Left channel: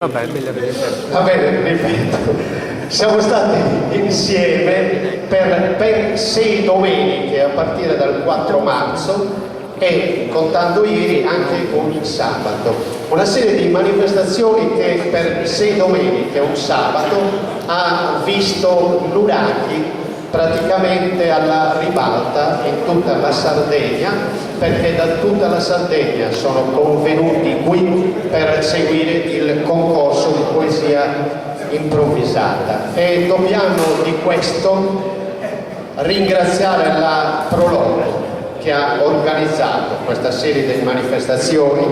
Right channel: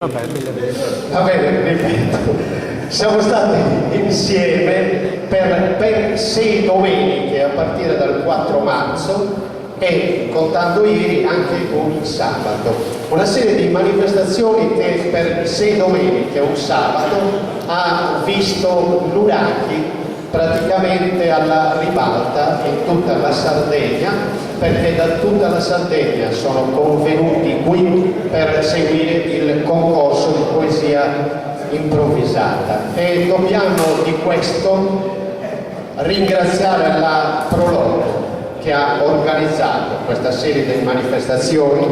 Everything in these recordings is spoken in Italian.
Va bene, ripeto, siamo stati insieme per ben 6 domeniche a partire dal 4 marzo e, contando ieri, anche un sabato. Una serie di manifestazioni che per 6 domeniche e un sabato ha visto l'Uraki praticamente alla ribalta in tutta la Sardegna, perché da tutta la Sardegna sono convenuti qui per seguire il concorso di poesia improvvisata e dobbiamo di questo ringraziare la Proloco che ha organizzato questa serie di manifestazioni,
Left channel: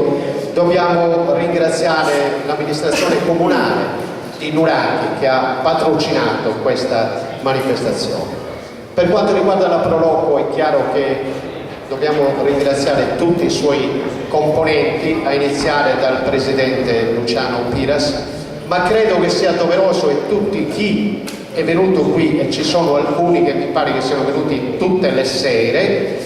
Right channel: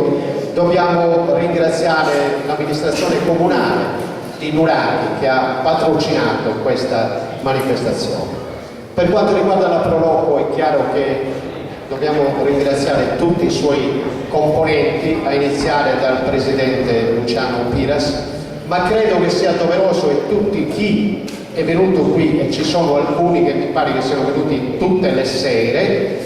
dobbiamo ringraziare l'amministrazione comunale di Nuraki che ha patrocinato questa manifestazione. Per quanto riguarda la Proloco è chiaro che dobbiamo ringraziare tutti i suoi componenti, a iniziare dal presidente Luciano Piras, ma credo che sia doveroso e tutti chi è venuto qui, e ci sono alcuni che mi pare che siano venuti tutte le sere,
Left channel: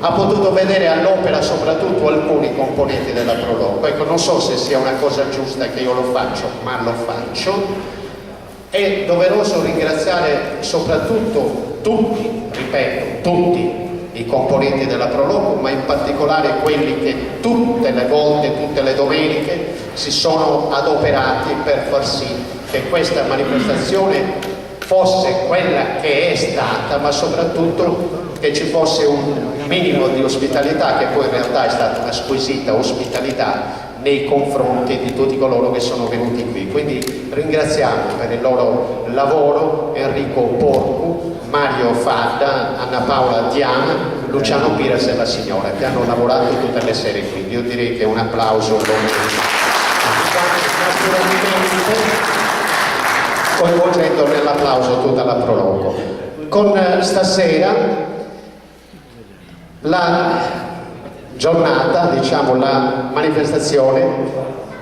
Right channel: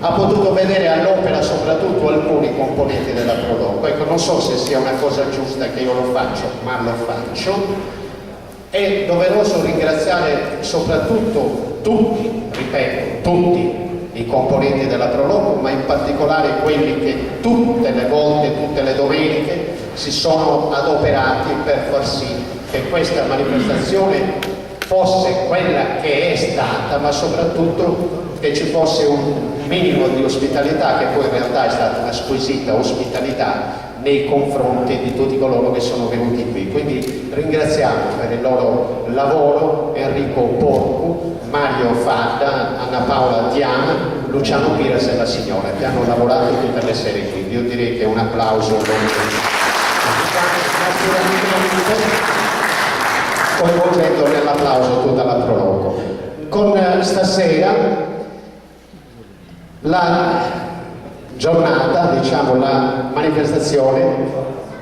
ha potuto vedere all'opera soprattutto alcuni componenti della Proloco. Ecco, non so se sia una cosa giusta che io lo faccio, ma lo faccio. È doveroso ringraziare soprattutto tutti, ripeto, tutti i componenti della Proloco, ma in particolare quelli che tutte le volte, tutte le domeniche si sono adoperati per far sì che questa manifestazione fosse quella che è stata, ma soprattutto che ci fosse un minimo di ospitalità, che poi in realtà è stata una squisita ospitalità nei confronti di tutti coloro che sono venuti qui. Quindi ringraziamo per il loro lavoro Enrico Porcu, Mario Fadda, Anna Paola Diana, Luciano Piras e la signora che hanno lavorato tutte le sere qui. Io direi che un applauso coinvolgendo nell'applauso tutta la Proloco. Con stasera la giornata, diciamo la manifestazione,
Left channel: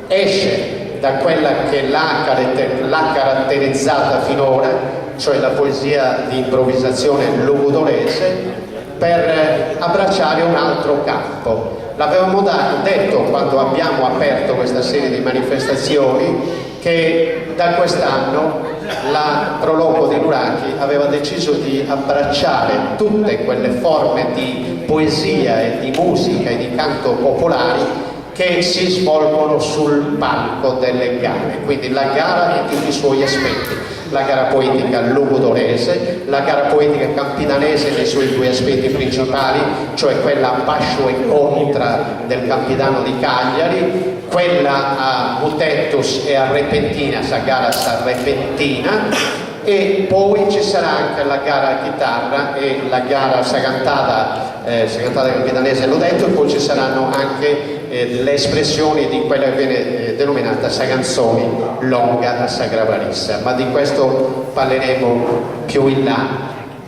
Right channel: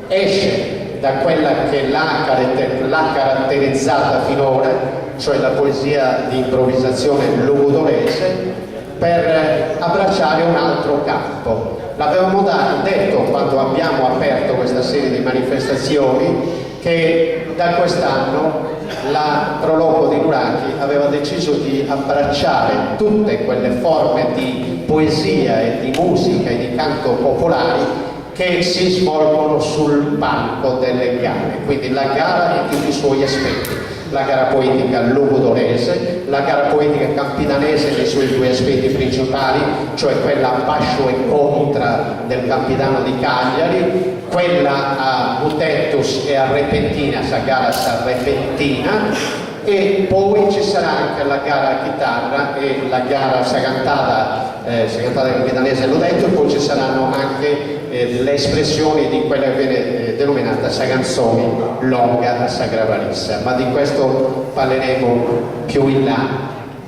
esce da quella che l'ha caratterizzata finora, cioè la poesia di improvvisazione lugudorese, per abbracciare un altro campo. L'avevamo detto quando abbiamo aperto questa serie di manifestazioni che da quest'anno la Proloco di Nuraki aveva deciso di abbracciare tutte quelle forme di poesia e di musica e di canto popolari che si svolgono sul palco delle gare, quindi la gara in tutti i suoi aspetti, la gara poetica lugudorese, la gara poetica campidanese nei suoi 2 aspetti principali, cioè quella a Pascio e Contra del Campidano di Cagliari, quella a Mutettus e a Repentina, sa gara Repentina, e poi ci sarà anche la gara a chitarra e la gara Sagantata campidanese, l'ho detto, e poi ci saranno anche le espressioni di quella che viene denominata Saganzoni longa a Sagravarissa, ma di questo parleremo più in là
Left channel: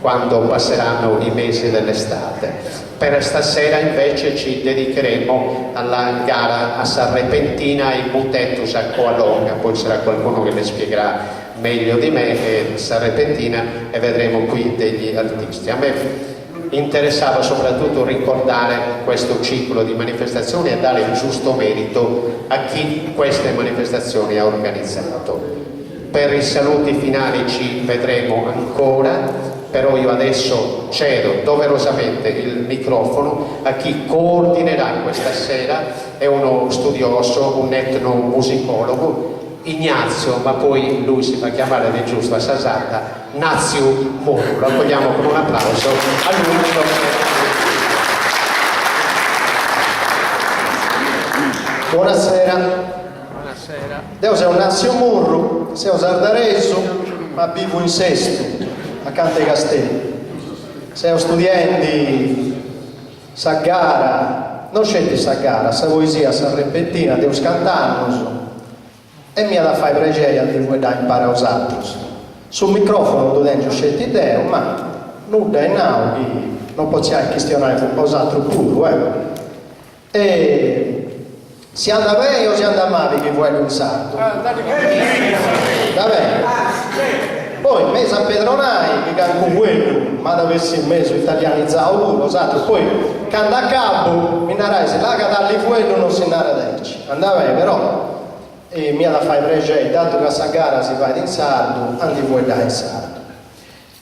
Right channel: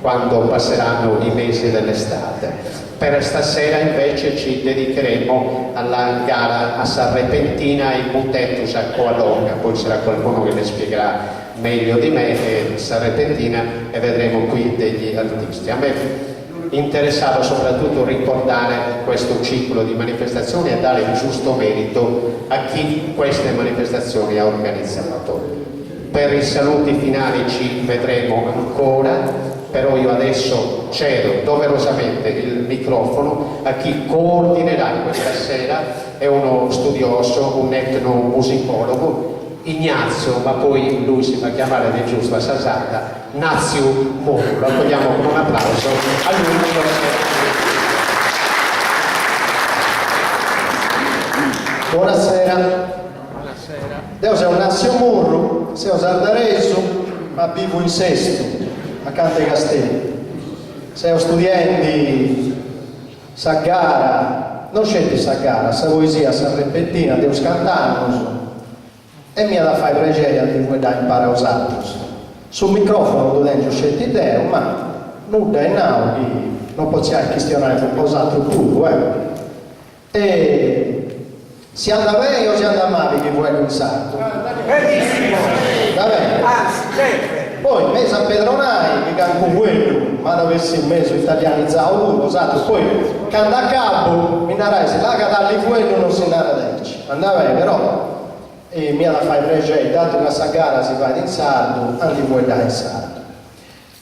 quando passeranno i mesi dell'estate. Per stasera invece ci dedicheremo alla gara a Sarrepentina e Mutettus a Coalonga, poi c'era qualcuno che le spiegherà meglio di me e Sarrepentina, e vedremo qui degli artisti. A me interessava soprattutto ricordare questo ciclo di manifestazioni e dare il giusto merito a chi queste manifestazioni ha organizzato. Per i saluti finali ci vedremo ancora, però io adesso cedo doverosamente il microfono a chi coordinerà questa sera, è uno studioso, un etnomusicologo, Ignazio, ma poi lui si fa chiamare di giusto a Sasata, Nazio Moro. Lo accogliamo con un applauso a lui. Buonasera. Buonasera. Io sono Nazio Moro, sono sardareso, ma vivo in Sesto, accanto ai Castelli. Sono studente Saggara, non c'è di Saggara, sa poesia, sa repentina, devo scantare, e mi ha da fare pregere di voi da imparare a usarlo. Sul microfono tu dentro scelte idee, ma nulla è nato, non possiamo questionare con cos'altro pure. E si anda bene o si anda male che vuoi un sarto? Va bene. Poi me San Pedronai, che canto quello, ma dovessi in mezzo italianizzato lo santo, poi canta a capo, mi narai se la cadalli quello non si nara derci. Andava bene, però e mi ha da fare pregere, dato che questa gara si fa in sardo, andiamo a dare in sardo.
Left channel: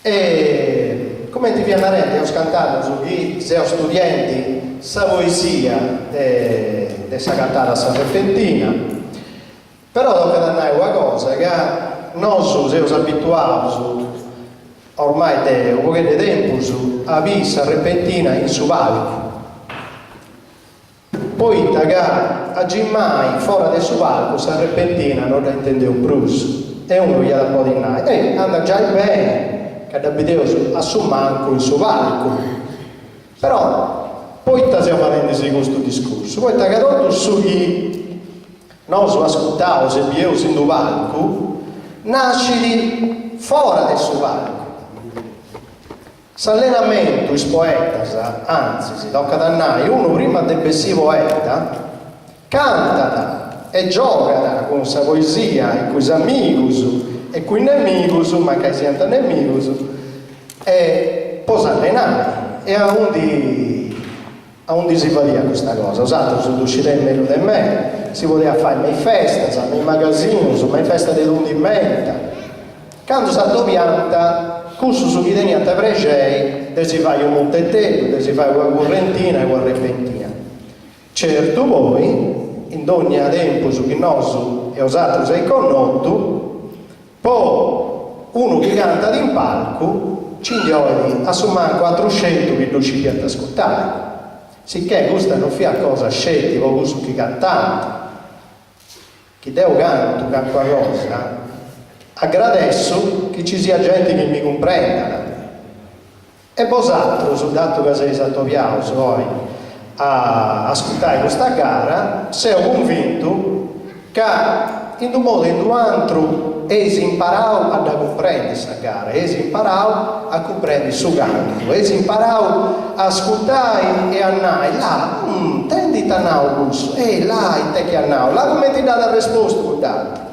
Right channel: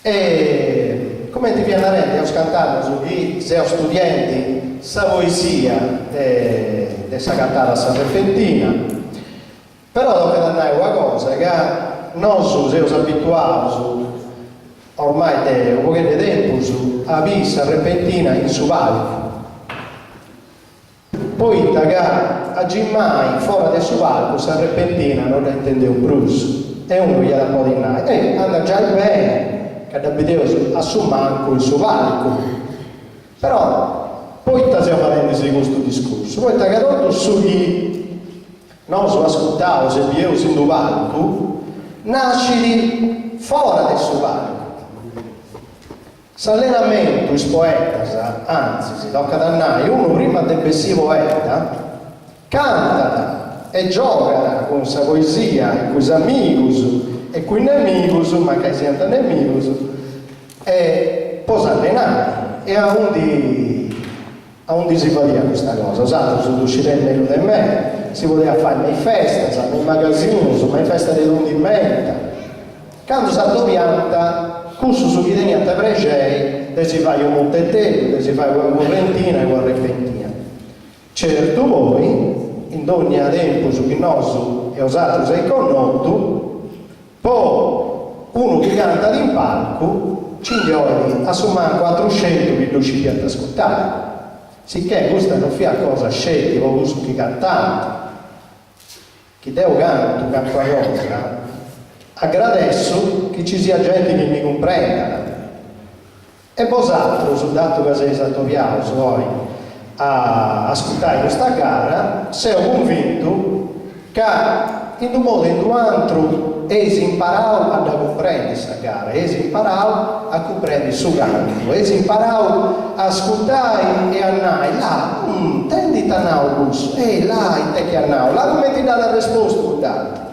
E come ti viene a rendere, ho scantato su chi sei studenti sa poesia di questa cantata sarrefentina, però dopo andare una cosa che noi siamo abituati ormai da un po' di tempo a vista repentina in su palco. Poi che a Gimmai fuori del suo palco sa repentina non la intende un brus e uno gli ha da po' di nai e anda già bene che da video a su manco il suo palco, però poi stiamo facendo questo discorso, poi che tutto su chi non si ascoltava se vi in un palco nasci fuori del suo palco. S'allenamento, i poetas, anzi, si tocca da noi, uno prima del essere poeta, canta e gioca con sa poesia, e con i amici, e con i nemici, ma che siano nemici, e poi s'allenare, e a undi si faceva questa cosa, usato su uscire meglio di me, si poteva fare le feste, nei magazzini, le feste dell'undimenta, quando si pianta, questo su chi teniate pregei, si fa un montettello, si fa una correntina e una repentina. Certo voi, in ogni tempo su chi nostro e usato sei connotto, poi uno che canta in palco, ci indioli a sommare 400 che non ci piace ascoltare. Sicché questa non fa cosa scelti, o questo che cantante, chi devo canto qualcosa, agradeço che ci sia gente che mi comprenda e vosaltro sul dato che sei stato piauso voi a ascoltare questa gara sei convinto che in un modo e in un altro si imparau a comprendere questa gara, si imparau a comprendere il suo canto, si imparau a ascoltare e a andare là, tendi a nau e là e te che a nau, là come ti dà la risposta con dato.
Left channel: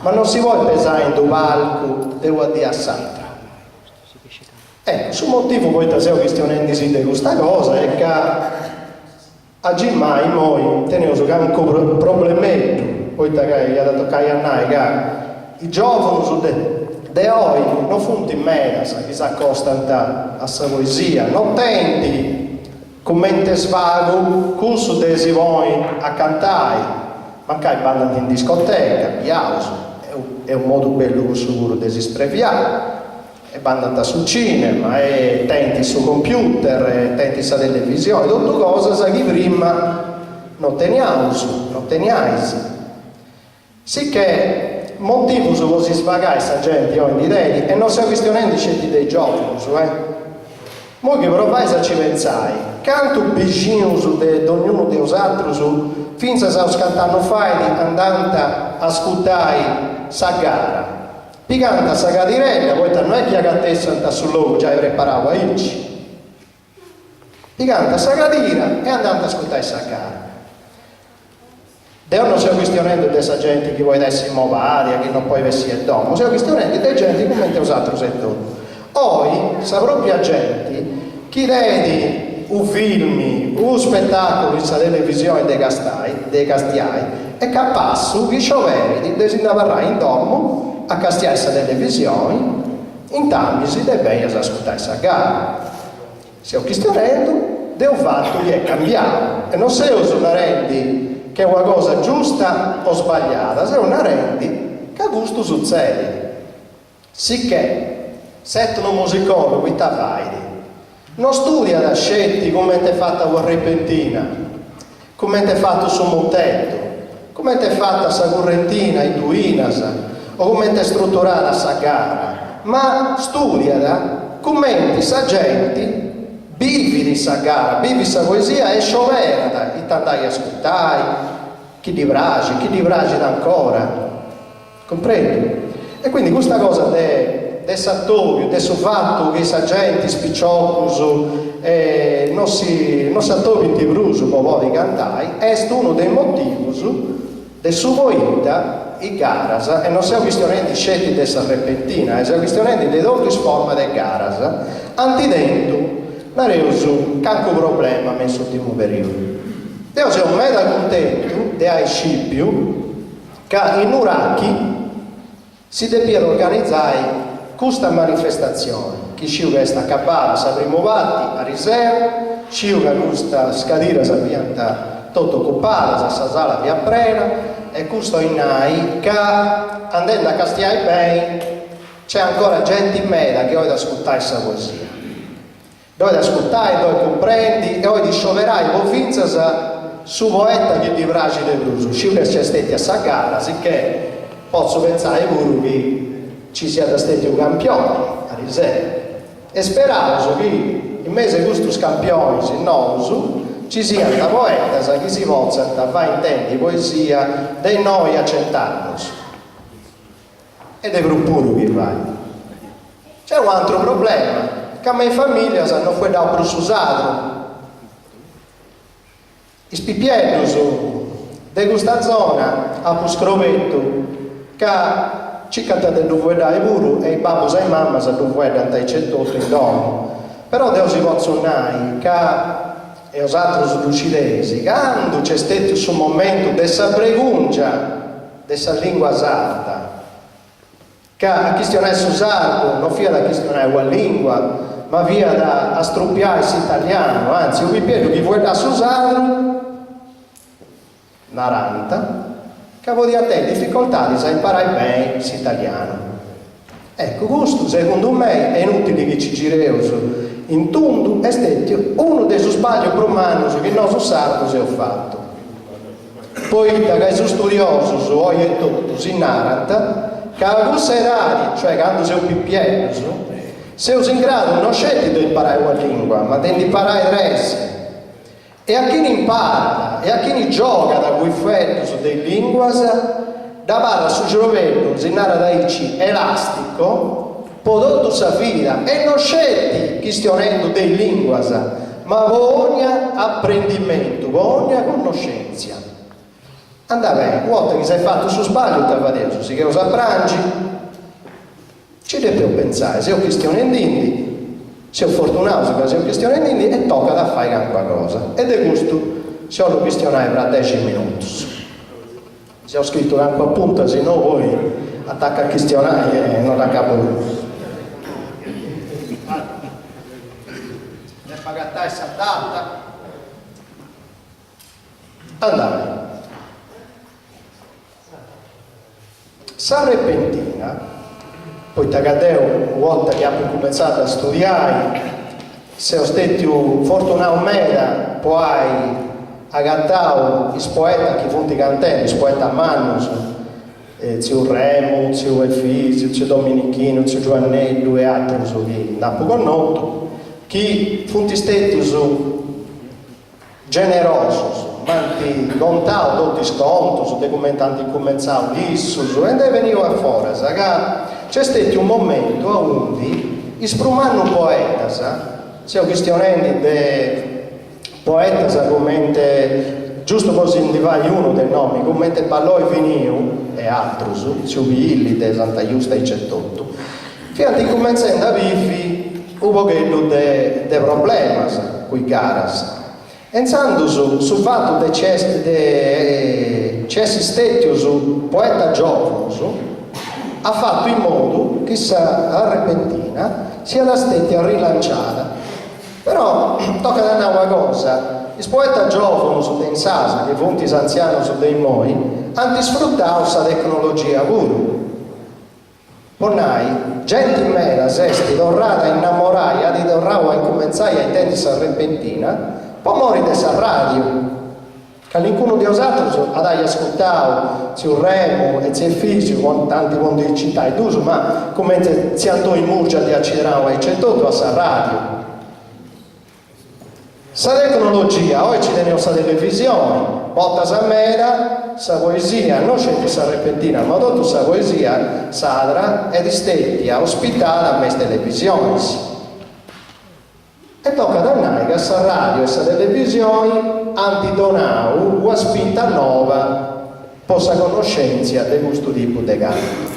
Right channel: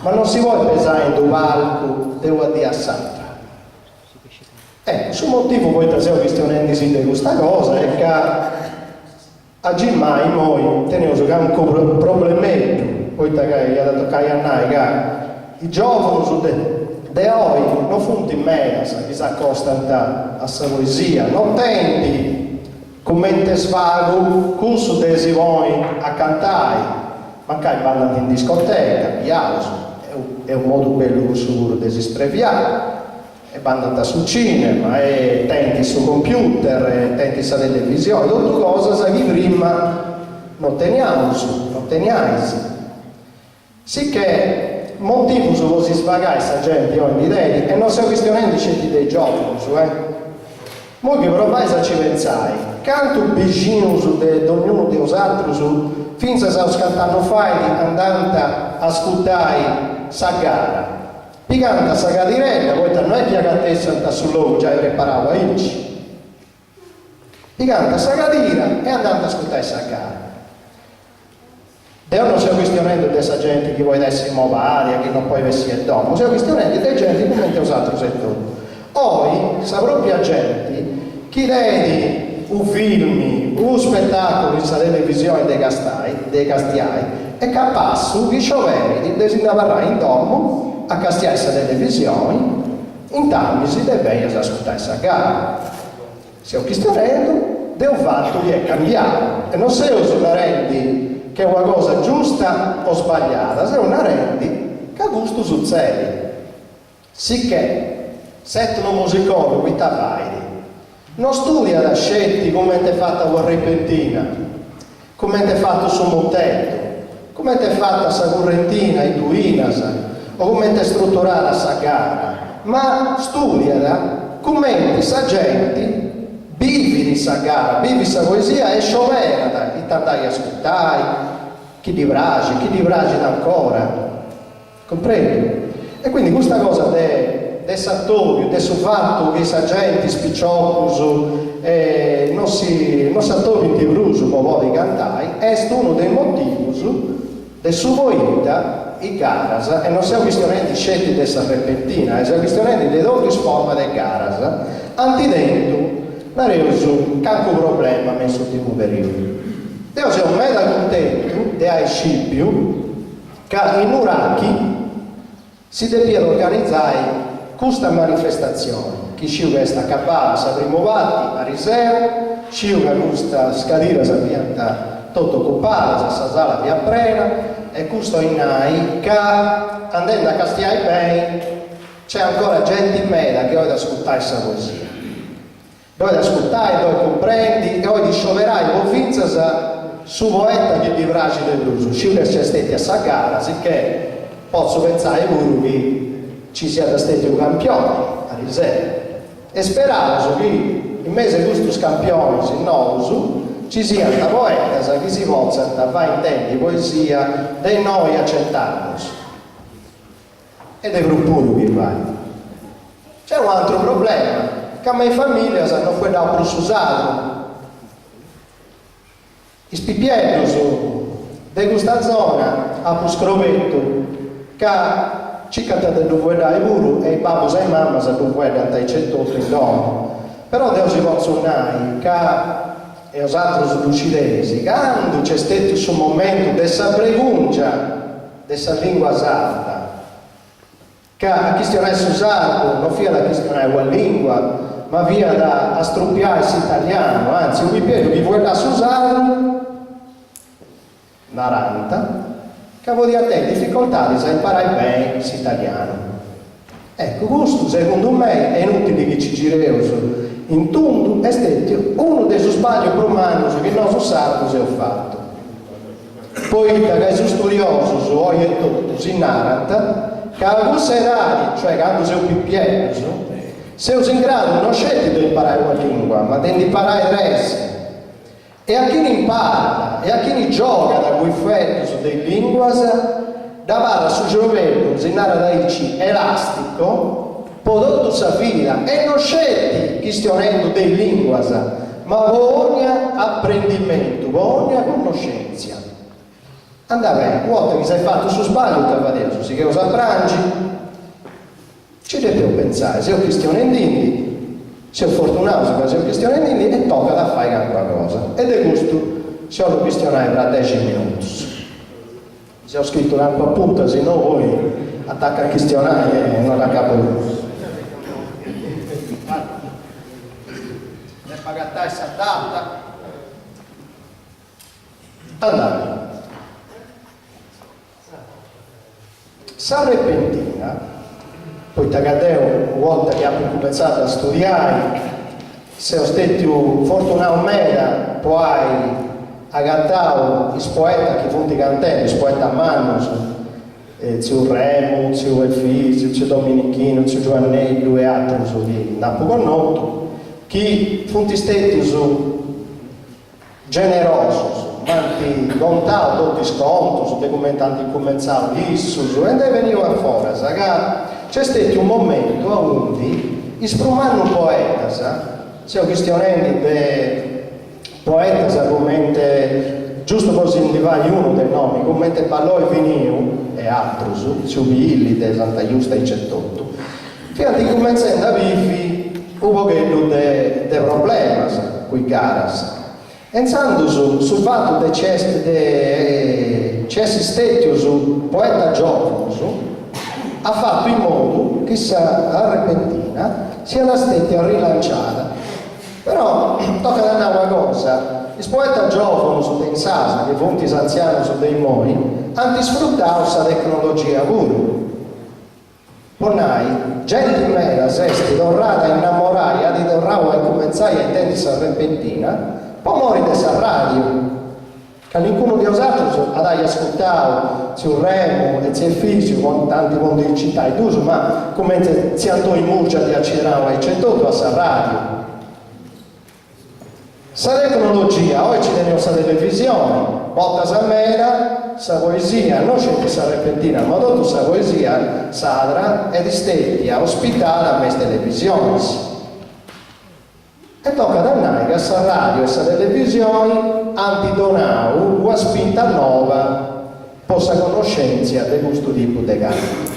Ma non si vuole pesare in un palco, devo dire a Santa. Sul motivo poi stiamo questionandosi di questa cosa è che a Gimmai noi teniamo un problemetto, poi che gli ha dato a noi che i giovani di oggi non fanno in mezzo, che si accostano a questa poesia, non tenti come svago, questo si vuoi a cantare, ma che vanno in discoteca, piauso. È un modo bello sicuro di spreviare e vanno sul cinema e tenti sul computer e tenti sulla televisione tutte cose che prima non teniamo sicché motivo su così svagare questa gente ogni idea e non stiamo questionando scelti dei giovani mo che provai a ci pensare canto vicino di ognuno dei altri finché si scattano fai andando a ascoltare sa gara picanta sa cadirella poi non è che a te santa sul logo già preparavo a ilci picanta sa cadira e andando a ascoltare sa gara Dio non stiamo questionando questa gente che vuole essere movare che non può essere domo stiamo questionando delle gente come te usato settori oggi sa proprio gente chi vede un film un spettacolo in televisione dei castiai è capace che sciovieri di andare in domo a castiare questa televisione in tamisi deve ascoltare questa gara stiamo questionando del fatto che è cambiato e non se usa rendi che è una cosa giusta o sbagliata se una rendi che a gusto succede sicché se uno musicone qui t'avvai non studia da scetti come ti è fatta una repentina come ti è fatto su montetto come ti è fatta sa correntina i duinas o come ti è strutturata sa gara ma studia da come sa gente vivi di sa gara vivi sa poesia e sciovera da chi t'andai a ascoltare chi di bragi ancora comprendi? E quindi questa cosa del sattorio, del fatto che sa gente spiccioccoso non si attovi in bruso come di cantare è uno dei motivi del suo vita i garas e non siamo questionando scelti di questa repentina siamo questionando le due forme del garas antidento non è un canco problema messo in un periodo io sono mega contento di Scipio che che in Uraki si deve organizzare questa manifestazione. Chi sciuga questa cabana si rimovati a Riseo, sciuga questa scadira si pianta tutto occupata, sa sala via Prena, e questo in nai che andando a Castiai bene c'è ancora gente in meda che vuole ascoltare questa poesia. Dove ascoltare, dove comprendi, e oggi scioverai convinza su poeta che di Vragi del Bruso. Sciuga c'è stati a Sagara, sicché posso pensare pure che ci sia stati un campione a Riseo. E speravo che in mezzo a questi campioni in Nousu ci sia una poeta che si possa fare intendi poesia dei noi a 100 anni. Ed è pure che vai. C'è un altro problema, che a me in famiglia hanno fatto più usato. I spippielli di questa zona a più scrovetto, che ci cantate due dai pure e i babbo e i mamma si dovrebbero andare cettoto in dono. Però devo si pozzonare che e os altri lucidesi, quando c'è stato un momento dessa preguncia dessa lingua sarda, che a questionare su sardo non via da questionare la lingua, ma via da struppiare l'italiano, anzi, io vi chiedo chi vuole da su sardo, 40, che vuol a te difficoltà di imparare bene l'italiano. Ecco, questo secondo me è inutile che ci giriamo in tundu è stato uno dei sbagli romani che il nostro sardo si è fatto. Poi che è studioso su ogni e tutto in Naranta, che a questi erari, cioè quando sei un pippiello, sei in grado non scegliere di imparare una lingua, ma di imparare il resto. E a chi ne impara e a chi ne gioca da quei freddi su delle lingue, da barra sul cervello, in Naranta elastico, prodotto sa vita e non scetti questionando delle lingue, ma voglia apprendimento, voglia conoscenza. Andava bene, una volta che sei fatto su sbaglio, te va adesso, si che usa prangi, ci devo pensare, se ho questionando indi, se ho fortunato, se ho questionando indi, e tocca da fare qualcosa. Ed è questo, se ho questionare per 10 minuti. Se ho scritto anche appunto, se no voi attacca a questionare e non da capo. Pagatai essa data andare sa repentina poi tagadeo una volta che abbiamo cominciato a studiare se ho stato fortunato meda poi agattavo i poeti che funti cantelli i poeti a mano zio Remo, zio Elfisio, zio Dominichino, zio Giovannello e altri che non con noto chi funti stati generosi, manti contato tutti sconto, su documentanti commensali, issus, e veniva fuori, c'è stato un momento a undi, isprumando un poeta, se ho questionati de poeta come giusto così individuare uno dei nomi, come Pallò e Viniu e altri, su Billi, de Santa Giusta e Cettotto, fino a cominciando a vivi un pochetto di problemi con i caras. Pensando sul fatto che c'è stati su poeta giovane, ha fatto in modo che la repentina sia la stessa rilanciata. Però tocca da una cosa, i poeti giovani su dei sasi, che fonti anziani su dei moi, hanno sfruttato questa tecnologia pure. Ponai, gente in mera, sesti, dorrata, innamorata, di dorrava e cominciai a intendersi a repentina, poi mori dessa radio, che qualcuno di altri ad ascoltato, zio Remo e zio Elfisio, con tanti mondi di città e d'uso, ma come si andò in Murgia di Accidrao e c'è tutto a sa radio. Sa tecnologia, oggi teniamo sa televisione, volta sa mera, sa poesia, non c'è che sa repentina, ma tutta sa poesia sadra ed stetti a ospitare a queste televisioni. E tocca da noi che sa radio e sa televisione antidonau una spinta nuova possa conoscenza di questo tipo di gatto.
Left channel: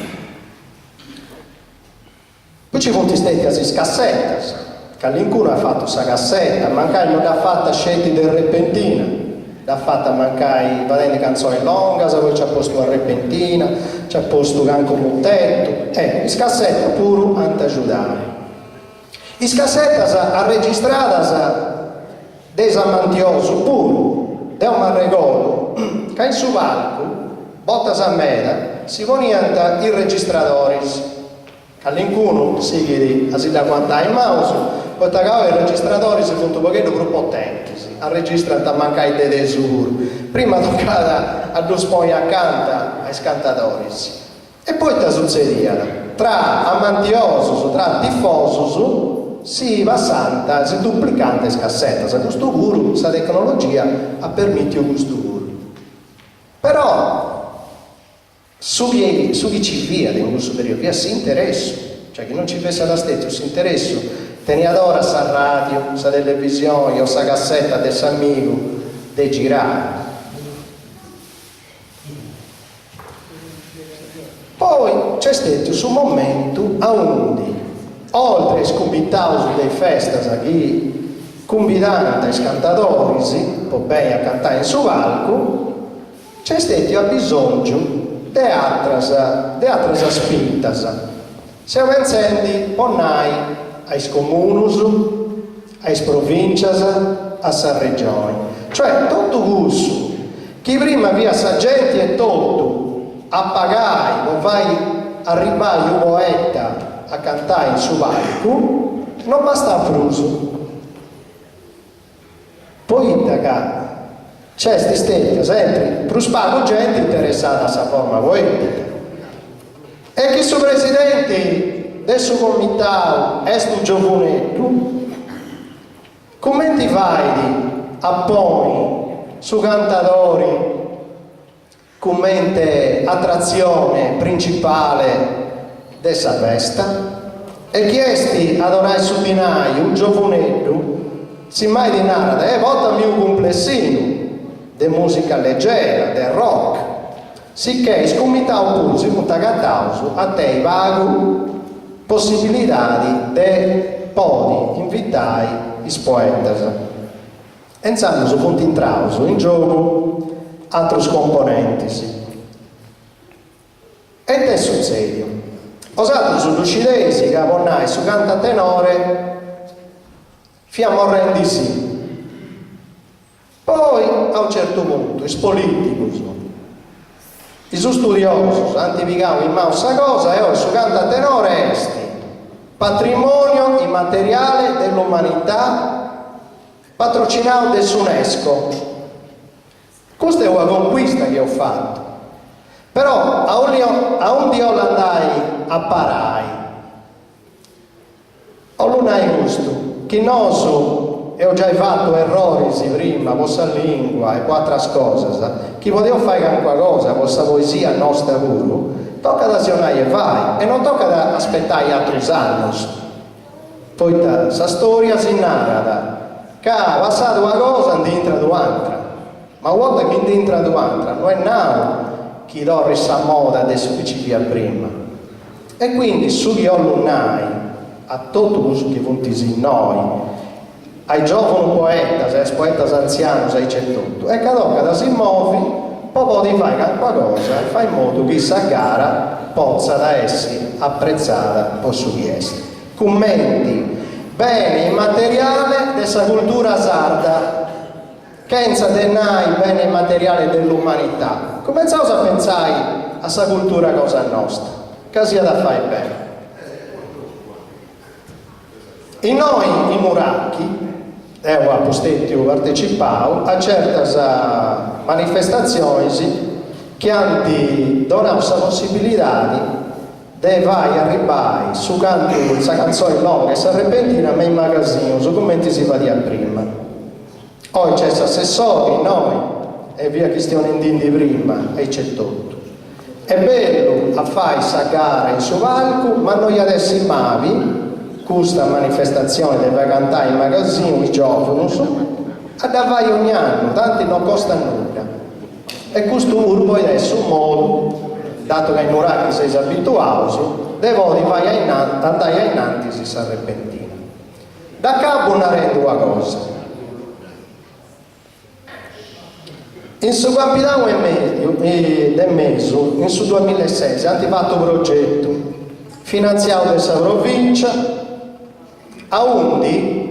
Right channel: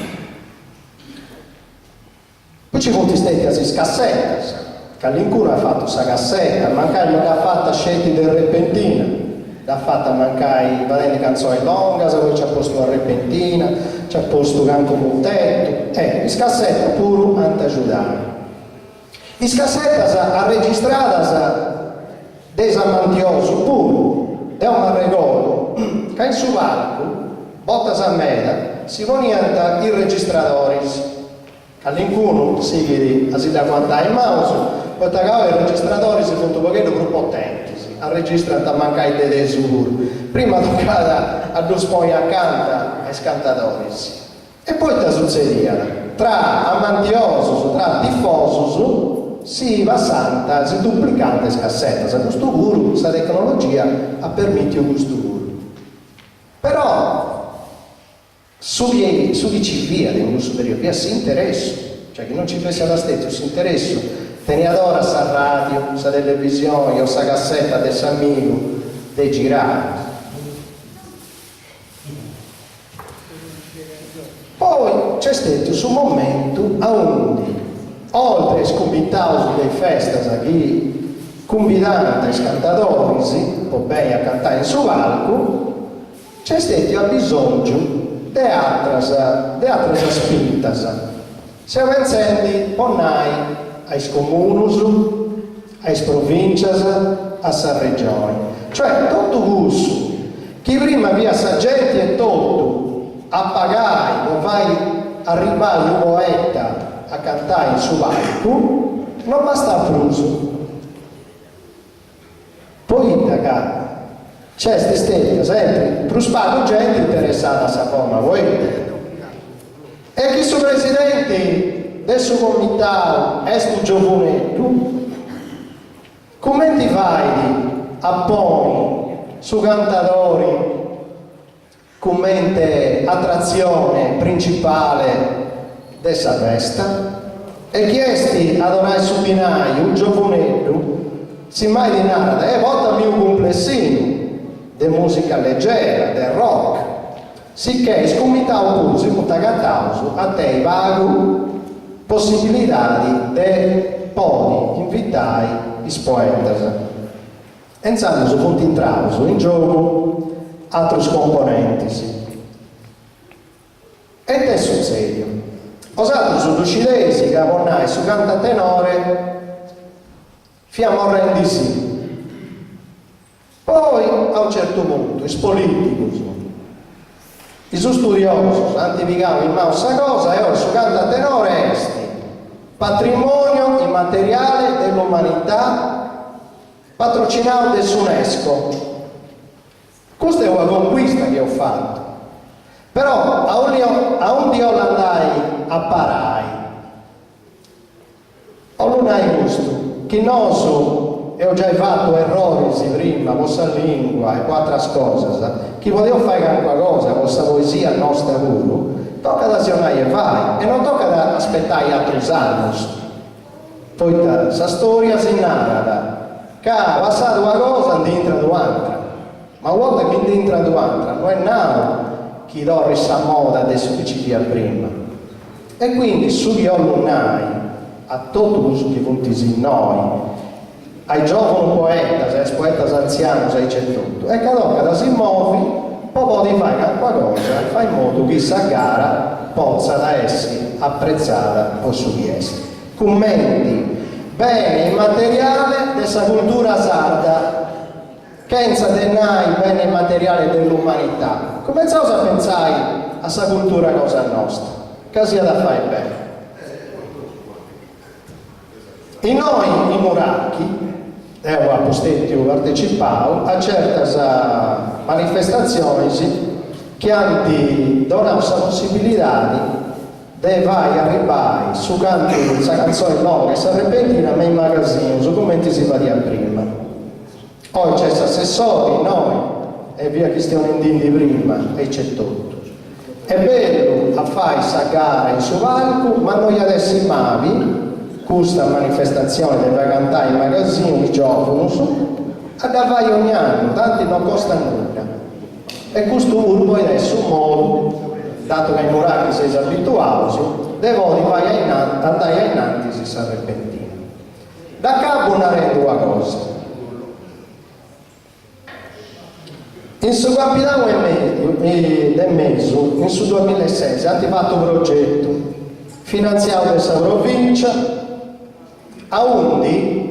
Poi ci sono stati cassette, che all'incuno ha fatto questa cassetta, mancando che ha fatto scelte del repentina. l'ha fatta mancare vadendo canzoni longa, poi ci ha posto la repentina, ci ha posto canco montetto, il scassetta pure antajudare. I scassettas ha registrata dei amantiosi pure, è un regolo, che in su valco, bottas a meda, si ponianta i registratori, che all'incuno si da guardare il mouse, poi i registratori si fanno un pochetto più potenti, a registrare a mancare dei sur, prima toccata a due spogli accanto ai scantatori. E poi ti succedeva, tra amantiosi, tra tifosi, si va santa, si duplicante scassetta, sa questo guru, sa tecnologia ha permesso questo guru. Però su chi ci via di un questo periodo, via si interessa, cioè che non ci fosse la stessa, si interessa, teniadora sa radio, sa televisione, o sa cassetta del amico, de girare. Poi c'è stato su un momento a undi, oltre a scubitausi dei festas che convidano i cantatori, poi bene a cantare in su palco, c'è stato bisogno di altre spintas. Siamo pensando ormai ai comunus, ai provincias, a sa regione. Cioè tutto questo, chi prima via sa gente e tutto, a pagare, non vai a arrivare un poeta a cantare in su palco, non basta fruso. Poi c'è stessa sempre più spago gente interessata a sa forma poetica. E chi su presidente del suo comitato è sto giovanetto, come ti vai a poi su cantatori come attrazione principale dessa festa e chiesti ad onai su binaio un giovanetto si mai di nada e votami un complessino di musica leggera, del rock sicché scomitao pure si punta cattauso a te vago possibilità di podi invitare i poetas pensando su punti in trauso in gioco altri componenti e te succede osato su lucidesi che avonnai su canta tenore fiammo rendisi poi a un certo punto i politici i studiosi antificavano in mano questa cosa e ora su canta tenore esti patrimonio immateriale dell'umanità patrocinato dall'UNESCO. Questa è una conquista che ho fatto, però a un dio l'andai a parai, ho l'unai gusto, che noso e ho già fatto errori prima, vostra lingua e quattro cose, chi poteva fare qualche cosa, vostra poesia nostra pure, tocca da sionare e vai, e non tocca da aspettare altri anni. Poi questa storia si narra, che ha passato una cosa e entra un'altra. Ma guarda che dentro l'altra non è nato chi dorre sa moda adesso che ci via prima e quindi su chi alunai a tutto quello che vuntisi noi ai giovani poetas ai poetas anziani ai c'è tutto e che da si muovi poi di fare qualcosa e fai in modo che questa gara possa da essere apprezzata o su di essa commenti bene immateriale della cultura sarda pensa denai bene immateriale dell'umanità cominciamo a pensare a questa cultura cosa nostra che sia da fare bene e noi i muracchi a postetto partecipavo a certe manifestazioni che hanno donato questa possibilità di vai arrivare su canto questa canzone longa e questa repentina ma in magazzino su commenti si va di prima poi c'è l'assessore, noi, e via che stiamo indindi prima, e c'è tutto. È bello a fare questa gara in su palco, ma noi adesso in Mavi, questa manifestazione deve cantare in magazzino, i giovani, a davai ogni anno, tanti non costa nulla. E questo urbo adesso un modo, dato che i muracchi sei abituati, devo andare innanzi si sa repentina. Da capo non rendo una cosa. In su capitano del mese, in su 2006, hanno fatto un progetto finanziato da questa provincia, a undi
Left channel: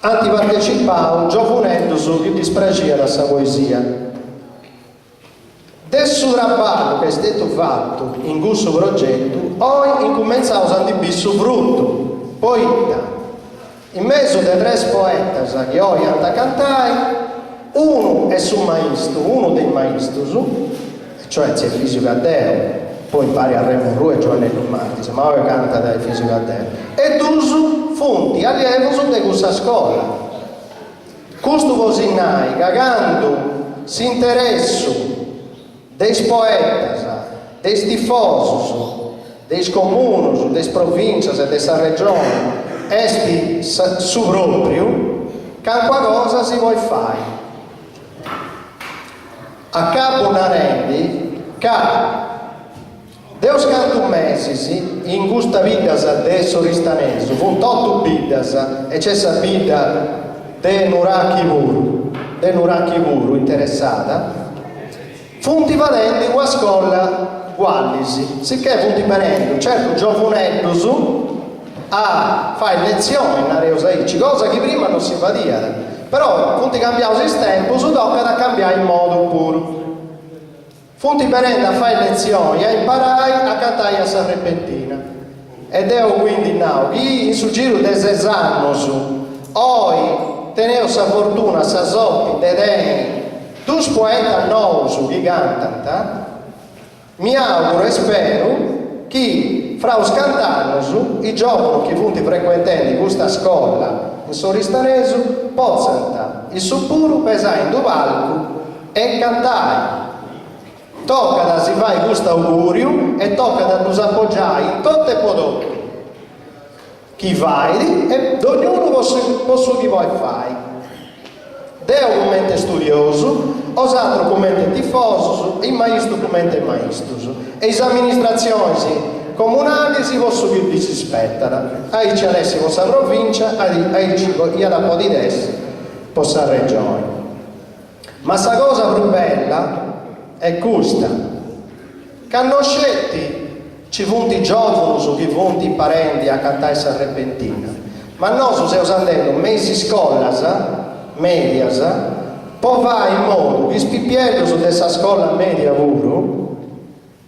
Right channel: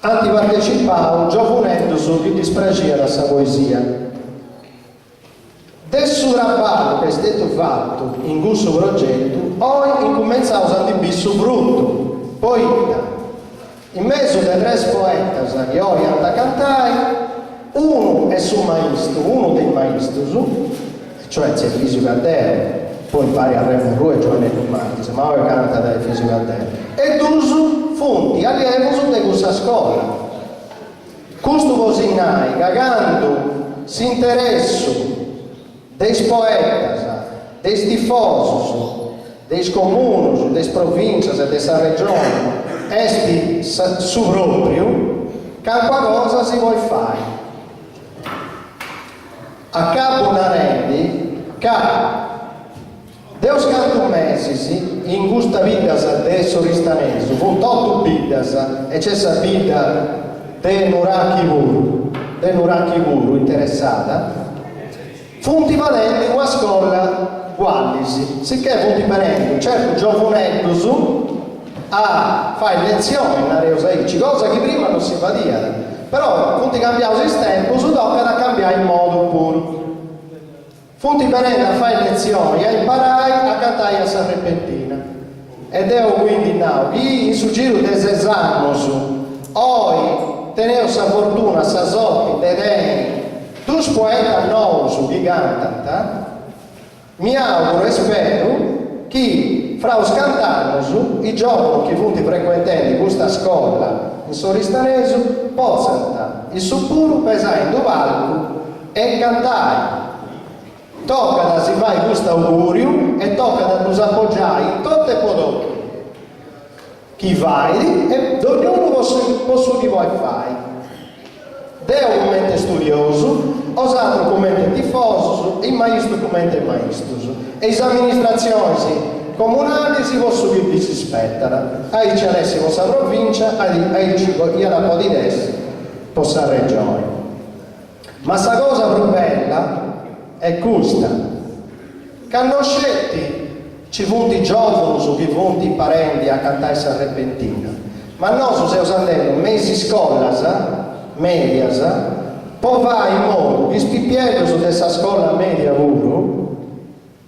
hanno partecipato giovanetto su che dispragia da questa poesia. Del suo lavoro che è stato fatto in questo progetto, poi incominciamo a dire frutto, poeta. In mezzo dei tre poeti che oggi hanno cantato, uno è su maestro, uno dei maestri, cioè c'è fisico a Deo, poi impari a Remo e Giovanni Martis, ma ora canta dai fisico a Deo. E due fonti allievi di questa scuola. Questo così nai, cagando, si interessano dei poeti, dei tifosi, dei comuni, delle province e della regione, esti su proprio, che qualcosa si vuole fare. A capo una rendi che Deus canto mesi in questa vita adesso ristanese, con 8 vidas e c'è questa vita de Nuraki Vuru interessata, funti valenti una scuola guallisi, sicché funti valenti, certo giovanetto su a fare lezioni in Areosaici, cosa che prima non si faceva. Però, funti cambiato il tempo, si tocca da cambiare il modo pure. Funti venendo a fare lezioni, a imparare a cantare a Sarrepentina. Ed è quindi now, chi in su giro di 6 anni, oggi, teneo sa fortuna, sa soppi, dedeni, due poeti nuovi che cantano, mi auguro e spero che fra os cantano, i giovani che funti frequentando questa scuola in Soristanese possano il suo puro pesare in due palco e cantare. Tocca da si fare questo augurio e tocca da nos appoggiare in tutte le prodotte chi vai e ognuno posso di voi fare. Deo come studioso, os altri come tifoso, il maestro come maestro e le amministrazioni comunali si possono che vi si aspettano. Ai ci adesso questa provincia, ai ci la po' di destra, questa regione. Ma la cosa più bella è questa, che non scelti ci funti giovani su chi funti parenti a cantare Sarrepentina, ma noi stiamo andando mesi scolas, medias, poi va in modo che spippiello su questa scuola media puro,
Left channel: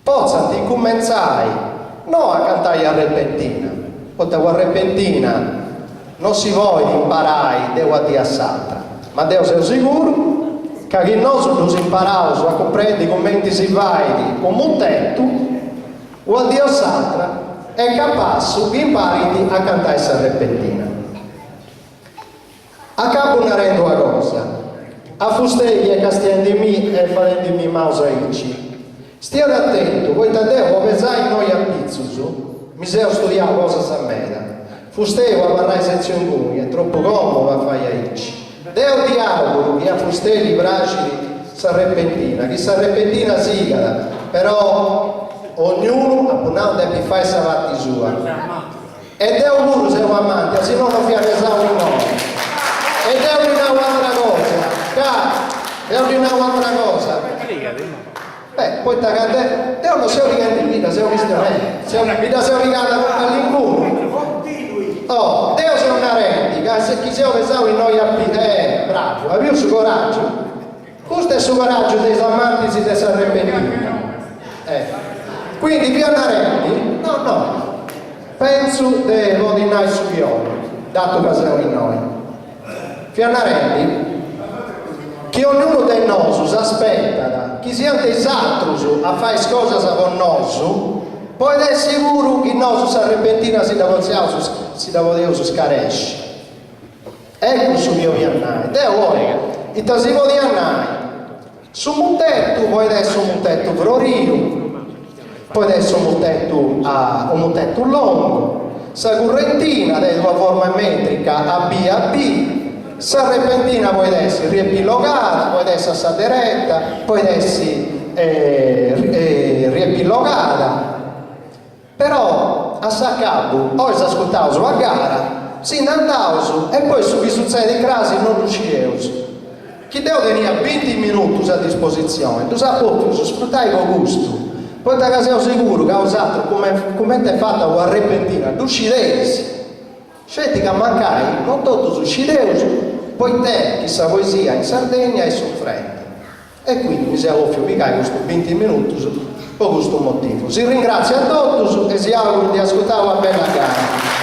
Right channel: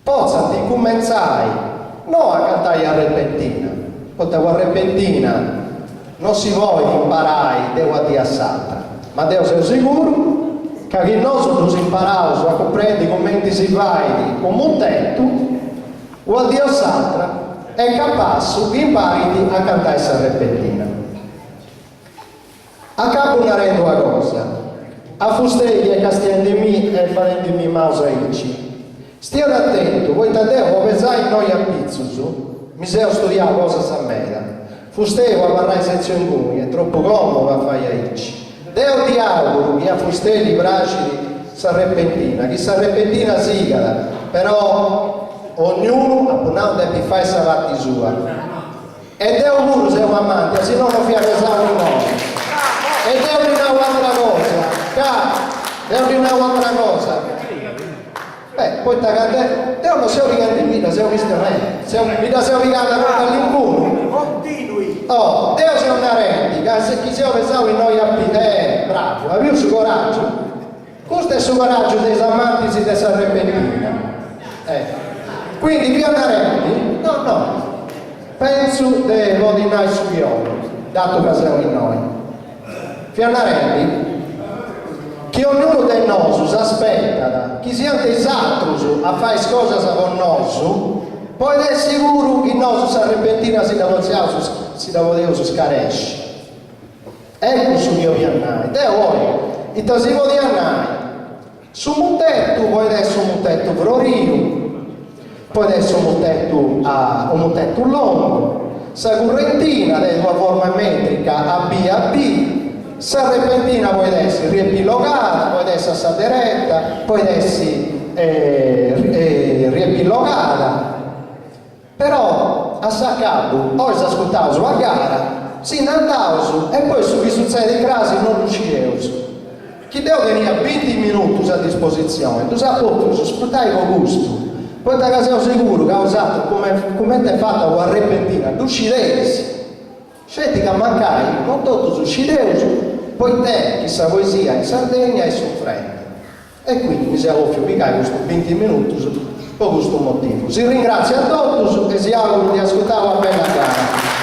possano cominciare non a cantare a repentina, perché a repentina non si vuole imparare, devo a dire santa, ma devo essere sicuro che noi ci impariamo a comprendere come si va come un tetto, o a dire santa è capace di imparare a cantare a repentina. A capo una rendo una cosa, a fustegli e castiandimi e farendimi mausaici. Stiate attento, voi tanteo pensate noi a pizzuso, mi sei studiato cosa sa mera. Fustego a parlare sezione comuni, è troppo comodo a fare aici. Deo ti auguro che a fustegli bracili Sarrepentina, che Sarrepentina sigala, però ognuno appunto deve fare sa fatti sua. E Deo pure siamo amanti, se no non vi avesamo in noi. E Deo di un'altra cosa, Deo di un'altra cosa. Poi Deo non si è orientato in vita, si è orientato all'incuno. Oh, Deo si è una rendica, se chi si è pensato in noi bravo, ha visto il coraggio? Questo è il suo coraggio dei amanti di Sarrepentina. Quindi più una rendi? No. Penso di ordinare su Iolo, dato che siamo in noi. Fianarendi, che ognuno dei nostri aspetta, che siano dei altri a fare cose con noi, poi è sicuro che il nostro Sarrepentina si deve scaresce. Ecco su mio piannare. Deo vuole, il tasimo di annai, su un tetto, poi adesso un tetto florio, poi adesso un tetto lungo, sa correntina di una forma metrica a B a B, Sarrepentina poi essere riepilogata, poi essere sa diretta, poi essere riepilogata. Però a Saccabu, oggi si ascoltava sulla gara, si andava e poi su che succede in crasi non riuscivo. chi deve tenere 20 minuti a disposizione, tu sai proprio sfruttare con gusto. Poi da casa sicuro che ha usato come è fatta la repentina, tu scidesi. Scetti che mancai, non tutto su scideusi, poi te, chissà poesia in Sardegna e soffrente. E quindi mi si offre picare questo 20 minuti per questo motivo. Si ringrazia a tutti e si augura di ascoltare la bella gara.